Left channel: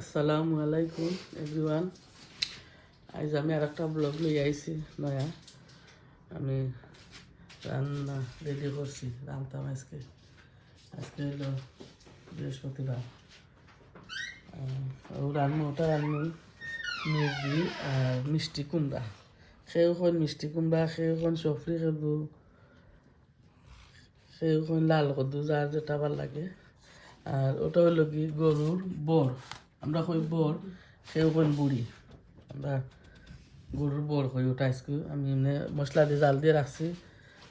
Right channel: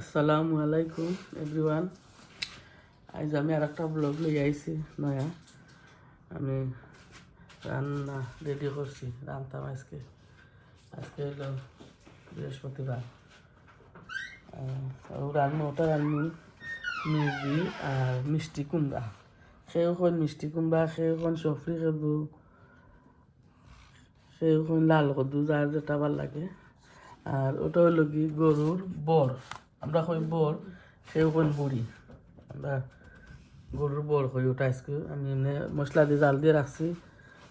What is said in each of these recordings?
আসসালামু আলাইকুম এভরিওয়ান। আজ আমি আর একটা ব্লগ নিয়ে আইছি নয়া। আমি রান্না রেডি করছি, রান্তাম আজকে হলো বৃহস্পতিবার। রান্নাটা আমি মুরগি আর মিষ্টি কুমড়া, সেখন মিষ্টি কুমড়া, সেখন সফরি কদু, সেখন লাল কদু, যার যেটা ভাল লাগে। আর ওটা হলো কি গরুর বর, আমরা কই বর, সেখন বুড়ি, আমরা গরুর বর কই। ওটা আজকে আমি এমনি মশলা দিয়ে জাল দিয়ে রাখছি,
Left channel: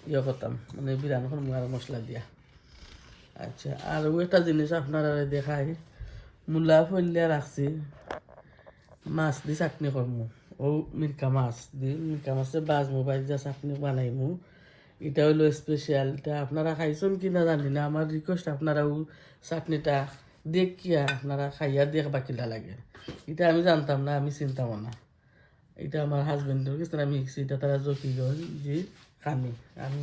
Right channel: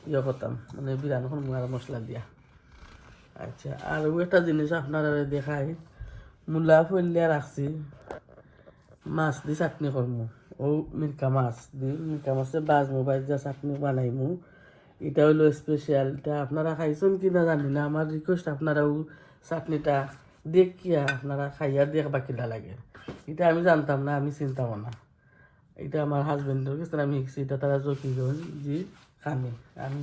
ইয়ে করতাম মানে বিরান আর মশলা দিয়া। আচ্ছা, আর একটা জিনিস আপনারা দেখাই, মূলা ফলিয়া রাখছি, মাছ দিয়ে চাটনি করমু। ও মিরকা মাছ দিয়ে, মিরকা মাছের বাজমু, বাজা চাটনি বানাইমু। এটা হলো স্পেশাল। এটা আপনারা খাইছেন কি না জানি না, আমার রিকোয়েস্ট আপনারাও চাটনিটা দেখিয়া আপনারা খাইয়া দেখবা কিলা লাগে। এটা আমি জানতাম না, আমি চিন্তাম না। এটা আমার হাজবেন্ডের কাছে আমি শিখছি, এটা তারা জকিগঞ্জ জি খামি। আমি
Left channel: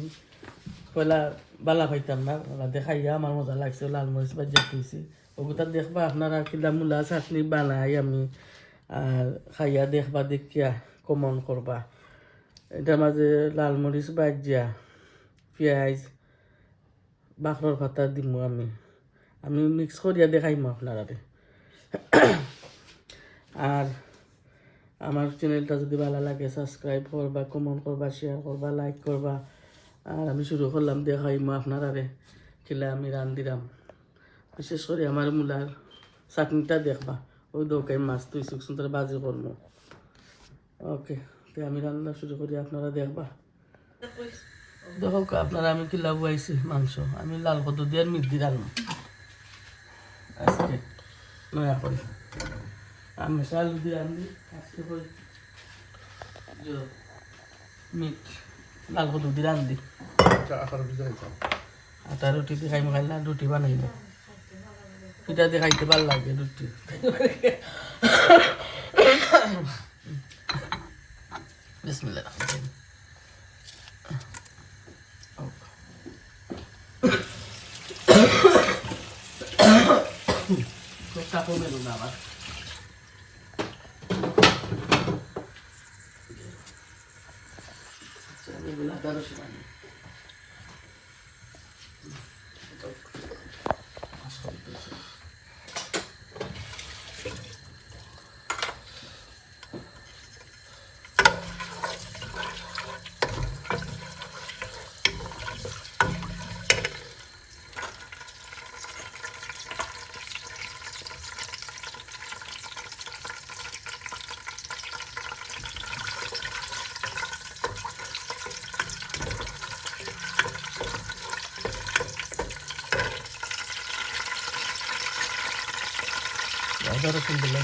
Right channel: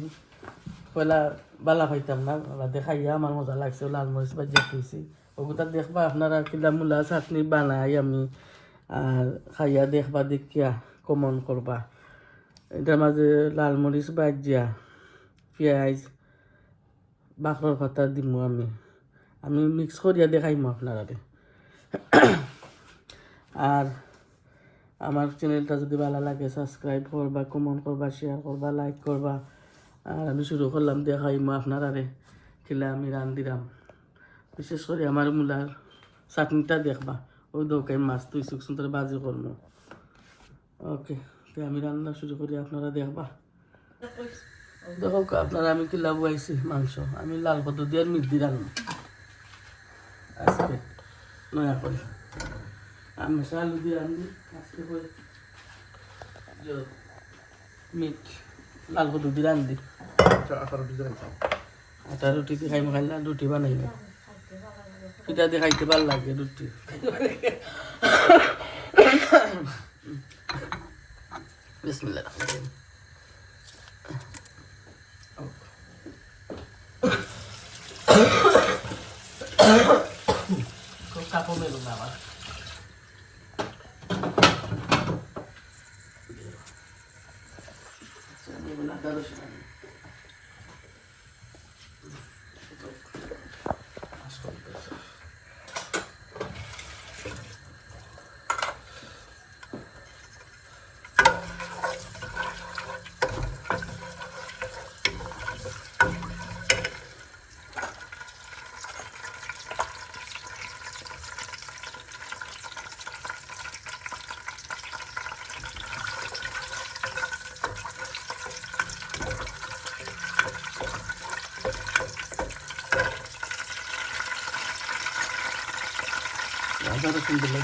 পয়লা বালা পাইতাম না, দেখাইয়া আমার মজা লাগছে। লাল মরিচ বাজিয়া খুঁজছি ওগুলা দেখবা আপনারা কিলা মূলা চাটনি বানাই আমি, আর খাইয়া দেখবা দেখিয়া কমন করবা। এটার মাঝে লাল মরিচ বাজিয়া, পেঁয়াজ, বাখর পাতা দিমু আমি আমি মিক্স করিয়া দেখাইমু আপনারা। আর আমার চ্যানেলটা যদি ভালো লাগে সাবস্ক্রাইব করবা, কমেন্ট করবা, শেয়ার করবা, লাইক করবা। আর আমি শুরু করলাম দেখাইমু আপনারা কিলা আমি রান্ধিলাম। বিশেষ করে আমার মূলার চাটনিটা দেখবা, ওই দোকান মাছ তুই সুন্দর বাজি করবো। ওকে, তো আমি রান্না শুরু করি, আপনারা দেখবা। দেখো আপনারা আমি কিলা বুয়াইছি মাংস, আমি লাল কদু দিয়ে মিট দিয়ে রান্না আজকে নয়া করে। আমি আলু দিয়ে রান্ধি আজকে করে, মিট লাল কদু দিয়ে রান্ধি। আটা রুটি দিয়ে খাইমো, খাইলা রুটি বানাইব, পিঠা দিয়ে খাইতে ভালো লাগে রুটি। বিসমিল্লাহ। কাপড় মেলুম আবার। আদা রসুন দিলে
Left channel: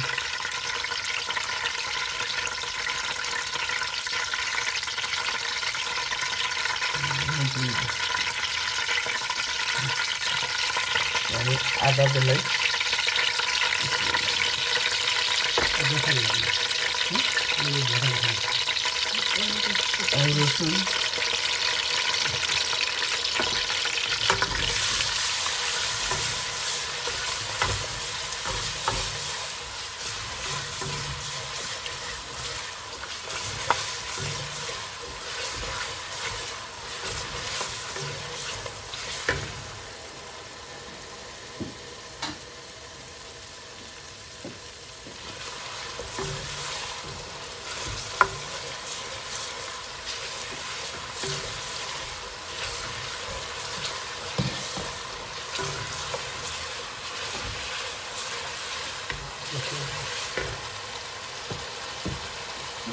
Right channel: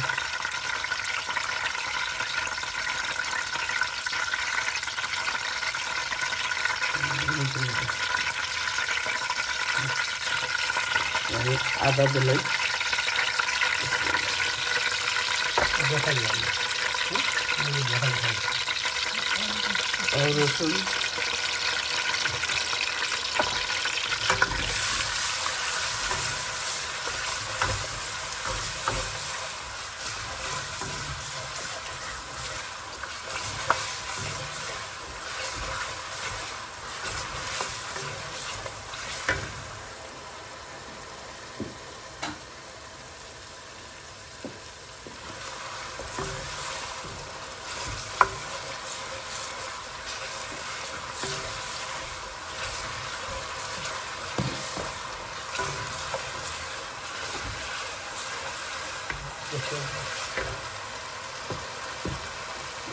আদা দিলে রসুন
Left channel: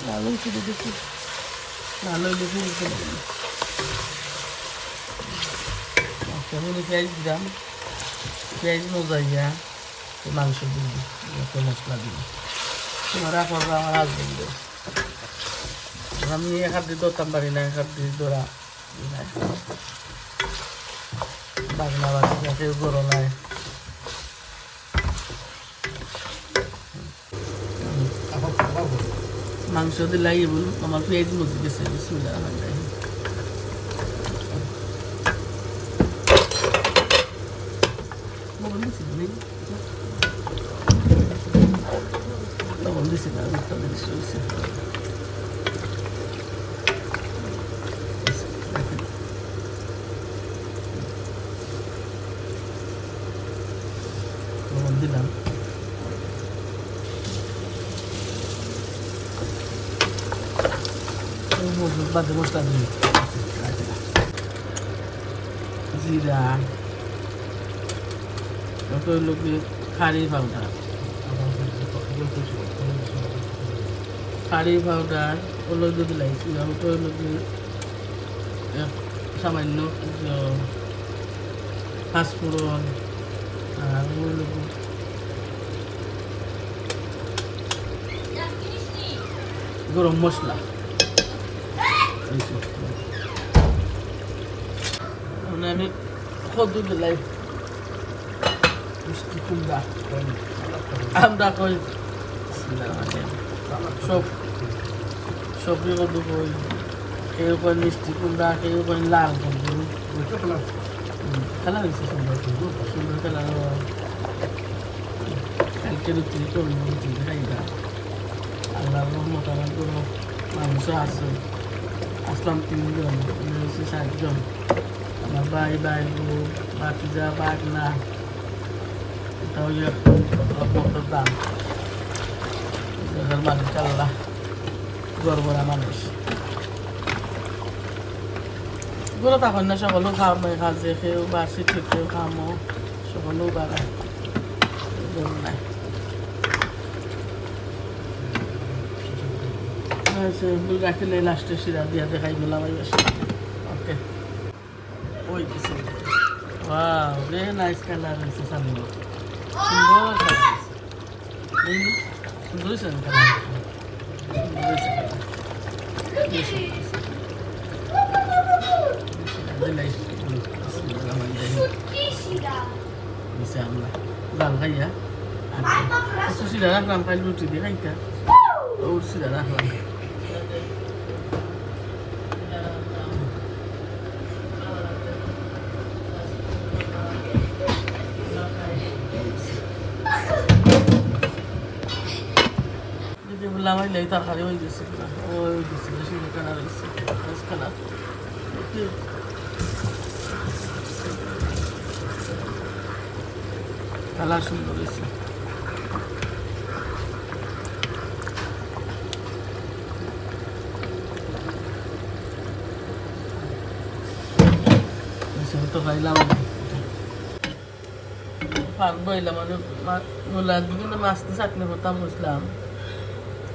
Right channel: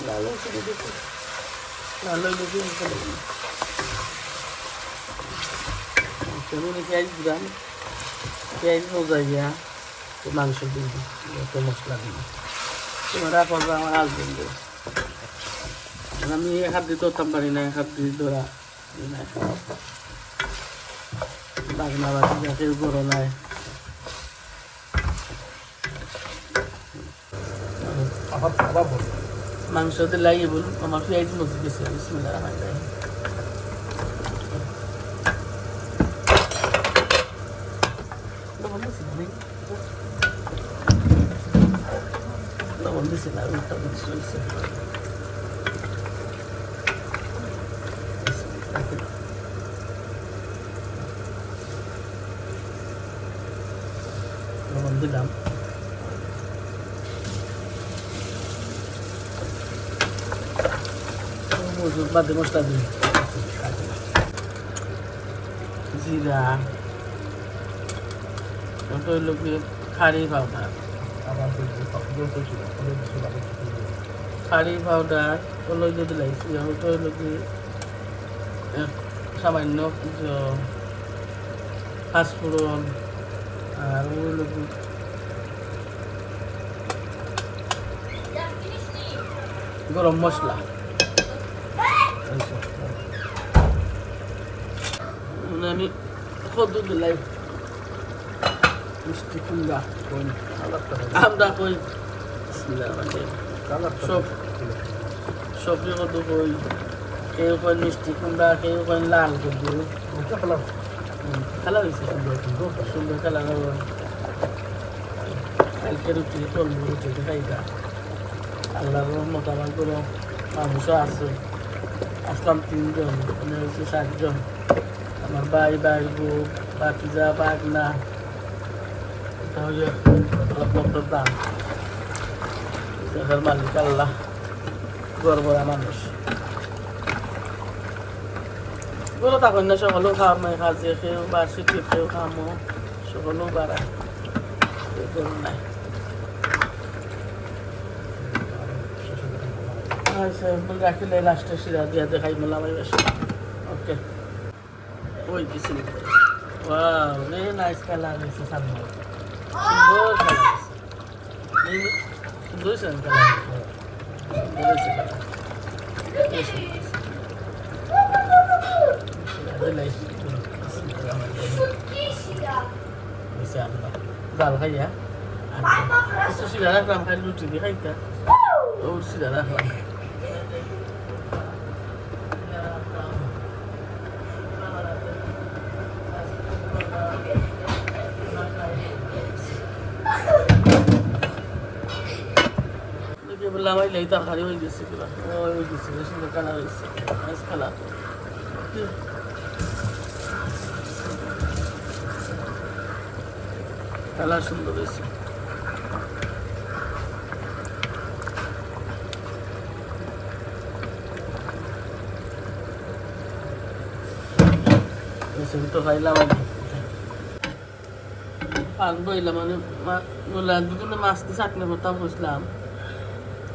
লালন করে দেখি, লালন দেখি পেঁয়াজ দিলাম, পেঁয়াজ মজাইয়া মাংস দিব, মশলা দিব, চিন্তা করবা আমার হাজবেন্ড। আমি এক হাত দিয়ে ধরতাম পারি না, এক হাত দিয়ে ধরা বাগনা বাগনা কেউ গরো নাই। মাংস দিলাই বল আমার পেঁয়াজ মধ্যে গেছে। হয়েছে না মোটামুটি হয়েছে দিলাম বাদে মশলা দিই জিরা ওটা হলো খাড়ি পাউডার খাড়ি পাউডার ওগুলো দিয়ে দিলাইছি ওটা হলো সামান্য পাঁচফোড়ন আর ওগুলো গরম মশলা আমি কদ্দু দিলাই মিষ্টি কুমড়া আমরা কই সব সবজি কদ্দু কই কেউ কই মিষ্টি কুমড়া কেউ কই লাল কদ্দু খেলা হয়েছে সুন্দর খেলা কালকে রুটি চলবো রুটি খাইবা আল্লাহ রহমত আমার কোনো মাংস আছে আসলাম 3 জন আমি হচ্ছে 7 জন আমার ভাই বউ বাতিজা বাগনা এটা হইয়া বন্ধুর দাম এটার মালিক আল্লাহ গড়বড়া মানুষ বলো তখন না সকলেও খাওয়ার নাই খাচ্ছে খেয়েও বাসি খেতেও খামো সকলেও বাড়ায় নাই রাখলে লাস্টে সিরা দিয়া দেখাই মেলাম ওকে ওই দিছি ওয়াও ভেরি নাইস কালার হয়েছে সামনে সুন্দর সুন্দর কালার ডাল খাইয়া সিরা রাখলাম খাই রুটি দিয়ে খাইতা ও সিরা রাখলাম লাগাই লাই তরকারি হয়ে গেছে ওই গেছে সুন্দর কালার হয়েছে কালার কালার সুন্দর হয়েছে তো খাইলাম আনবো এলাম বিভিন্ন মাছ দিয়ে চাটনি করতাম বুঝলাম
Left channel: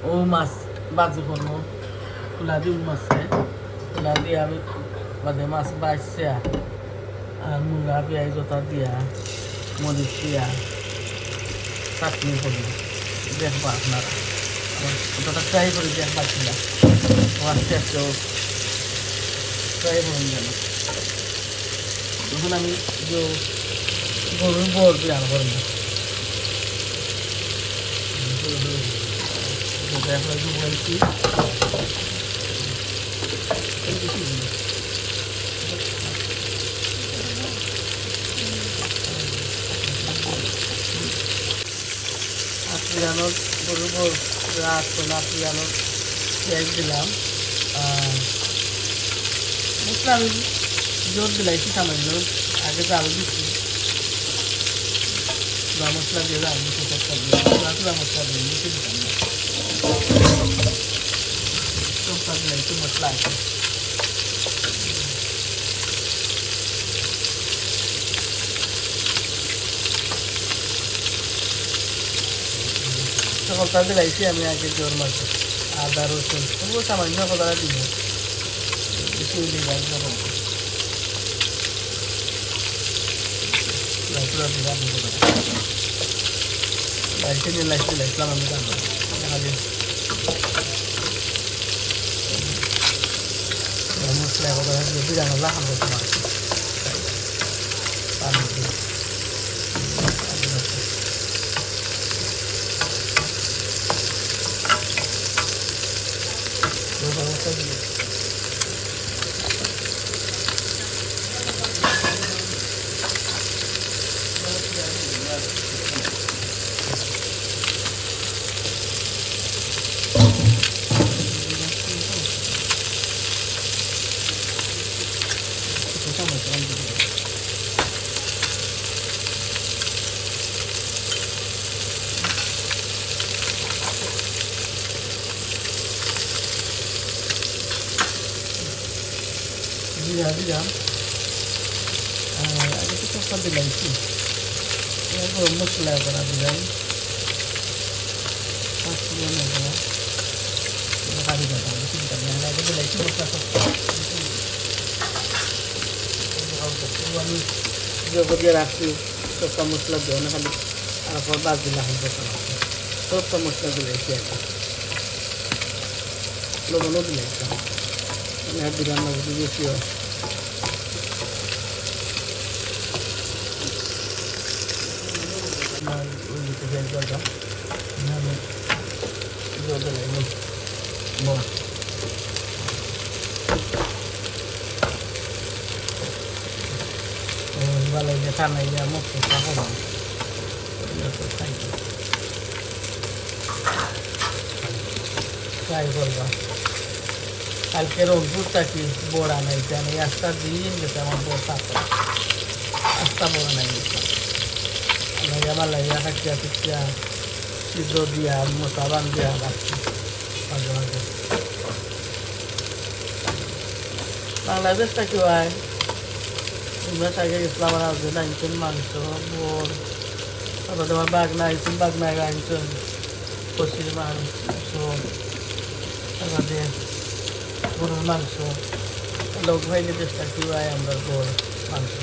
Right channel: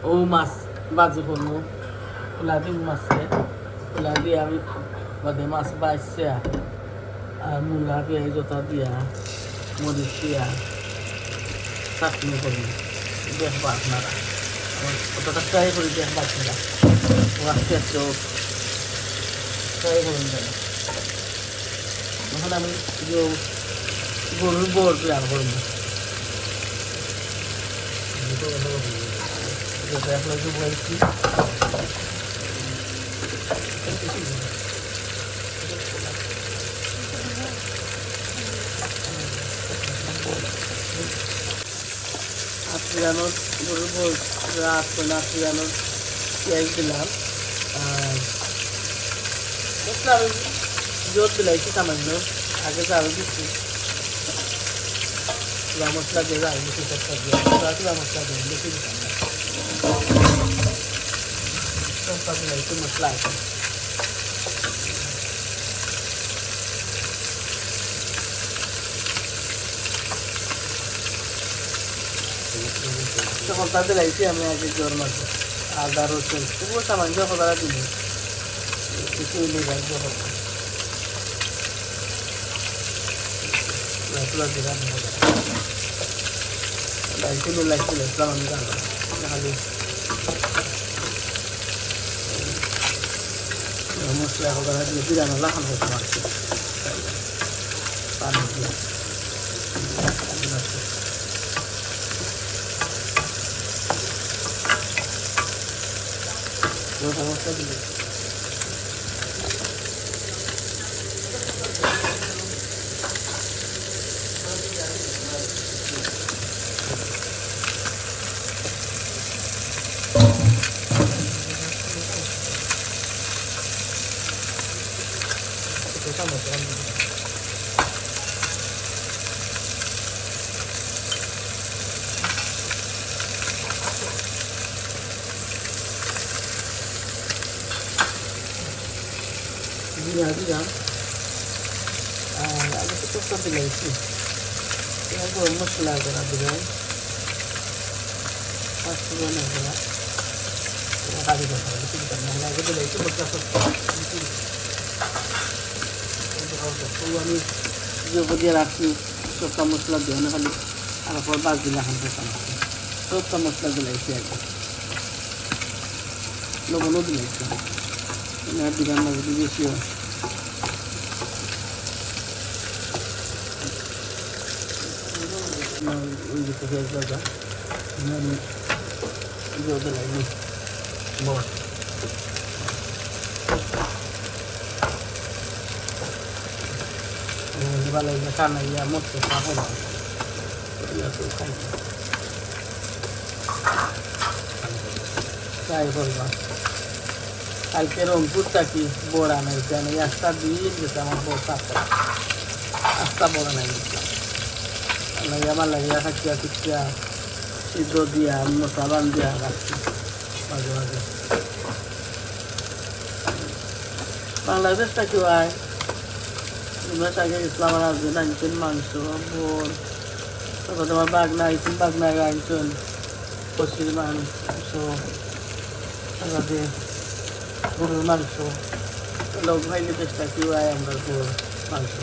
ও মাছ বাজে করবো খোলা দিন মাছে খোলা দিয়ে আমি বাদে মাছ বাইছে আর মূলা পেঁয়াজ জোতা দিয়া মরিচ দিয়া চাটনি করি দেখবা আপনার ওটা ট্রাই করি দেখবা আপনার মাছ খেয়েছেও ট্রাই করুন এখন আমি গরুর বর প্ল্যান করবো আপনার কি বলছি পেঁয়াজ দিলাম আর আমি জোর দিলাইছি সামান্য আগে তো আরো দিচ্ছি মশলা দেবে আগে মশলা দেবে বেশি দিতাম না মশলা আছে মশলা দিলাইছি আমি আগে জোর মশলা আদা রসুন তবুও সামান্য কথা দিব কিছু নেই জিরা দিলাম আর আগে তো টুকটা দিলাইছি গরম মশলা করা দিলাম আমি দিয়ে রাখছি সবটা মশলা দেওয়া না খালি তারপর বাদ দিলাম সবটা মশলা দিলাইছি আগে লবণও দিলাইছি দিলাম না যদি বেশি হয় ওই দিকে ফেল করবা দিলাইনি ভালো খানা গিয়ে মরতে হবে ট্রাই করবো কালকে রংপুরটা কি বড়া নাইছে আমি আস্তা দিয়ে গেছে আমার বড় আস্তা বড়া নাই আমার লাগিয়া থাকিয়া টিকিয়া সিদ্ধ দিয়া মশা বান দিয়া বাংলাদেশ থাকি হয় তোমরা তাকে ইসলাম আসবেন আনছেন মাংস বোন তারপর তোমার বাগনা আইছেন বাগনায় আনছেন কষির মাংস আমাদের গরুর মাংস লোক ভাইলে চেষ্টা কি হয় আমরা গরুর মাংস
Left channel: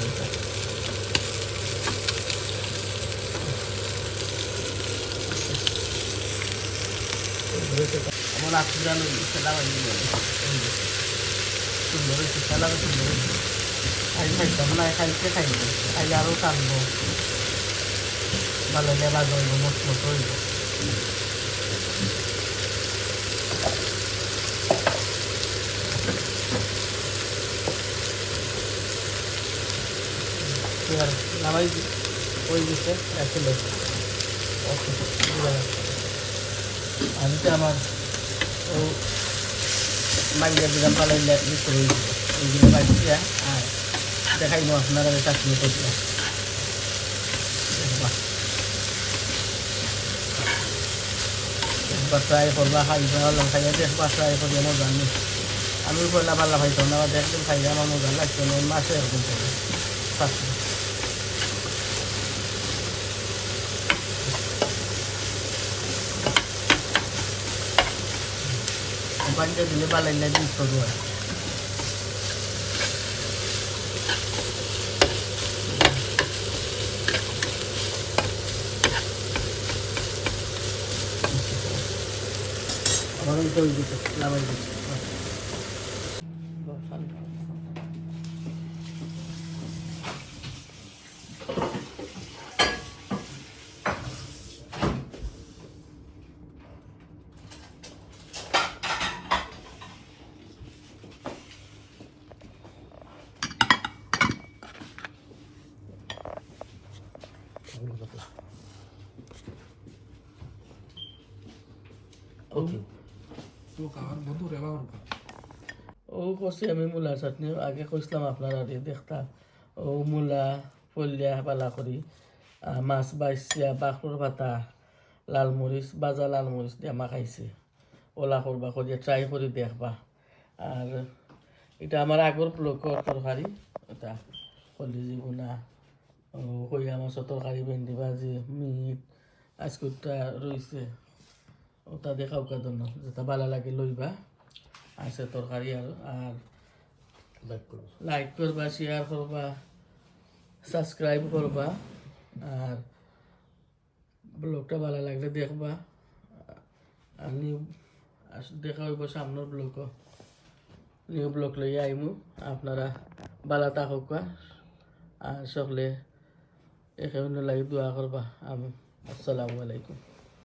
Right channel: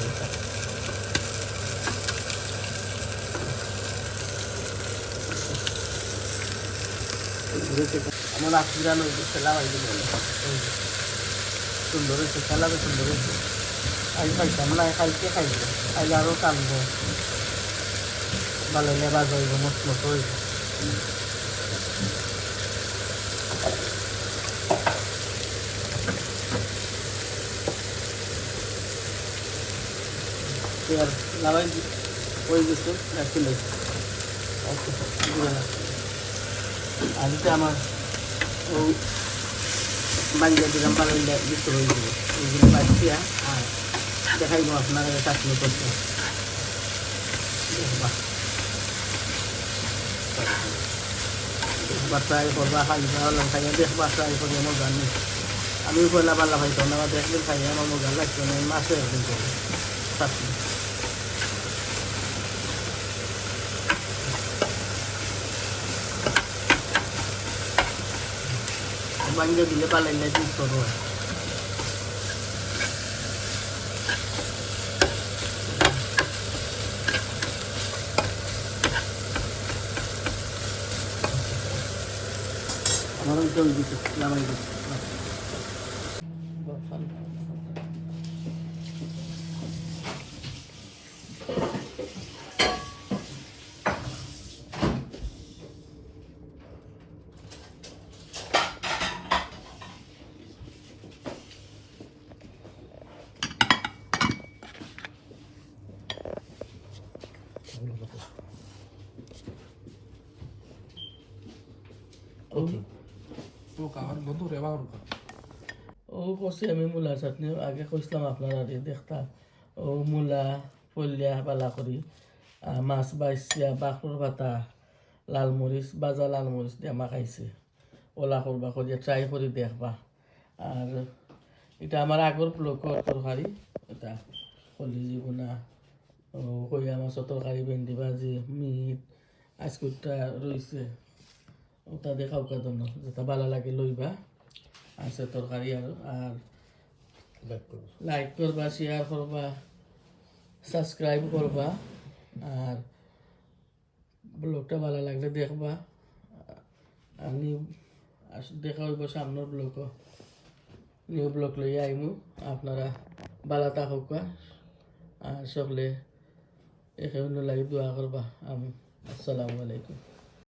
আমার আত্মীয় খেলা হয়নি বলে সুন্দর হয়েছে খেলাও সুন্দর হয়েছে খাই খাইতাম না খাইতে খাইবে খাইলে আরও টানবো ভালো হলে বাজ হইব মস্ত মতো হইব নামাই ওই দিচ্ছে চলে আজকে আমার ও বাইরে দিকে পালাই দিতে হয়ে গেল দেখাইব আপনারা চাটনি করছে বাসায় করলা খাই লঙ্কা বাসায় করলে মজা নেই আমি করলা পাল্লা হয়তো না দেখলে খাই আমার মজা লাগছে না মাসে চাটনি বাইরে দিলে পালাই দিতে করবো জল দিতে নামাই দিতে ও করছি আমি মূলার চাটনি আগে কইসলাম আপনার আর দেখতা ও মূলা পলিয়া পালা করি মাছ বাইছিয়া বাঁকর পাতা লালমরিচ বাজা লালমরিচ দিয়ে মাখাইছে ওলা করবা করিয়া ট্রাই করে দেখবা আর এটা আমার আগর ব্লগর তরকারি এটা কলিজি বোনা কইয়া মাছৰ তরকারি ভেন্ডি ভাজি মিট আজকুটা রয়েছে ওটা দেখাও কাদন্য যেটা ভালো লাগে লইবা আছে তরকারি আর লাইক করবা শেয়ার করবা সাবস্ক্রাইব করবা আর ব্লগটা ভালো লাগলে দেখবা আমি দেখা হইব সামনের ব্লগ নিউ ব্লগ লই আইমু আপনারা ভালো থাকুক আর সকলে এখানে লাগি দোয়া করবা আসসালামু আলাইকুম।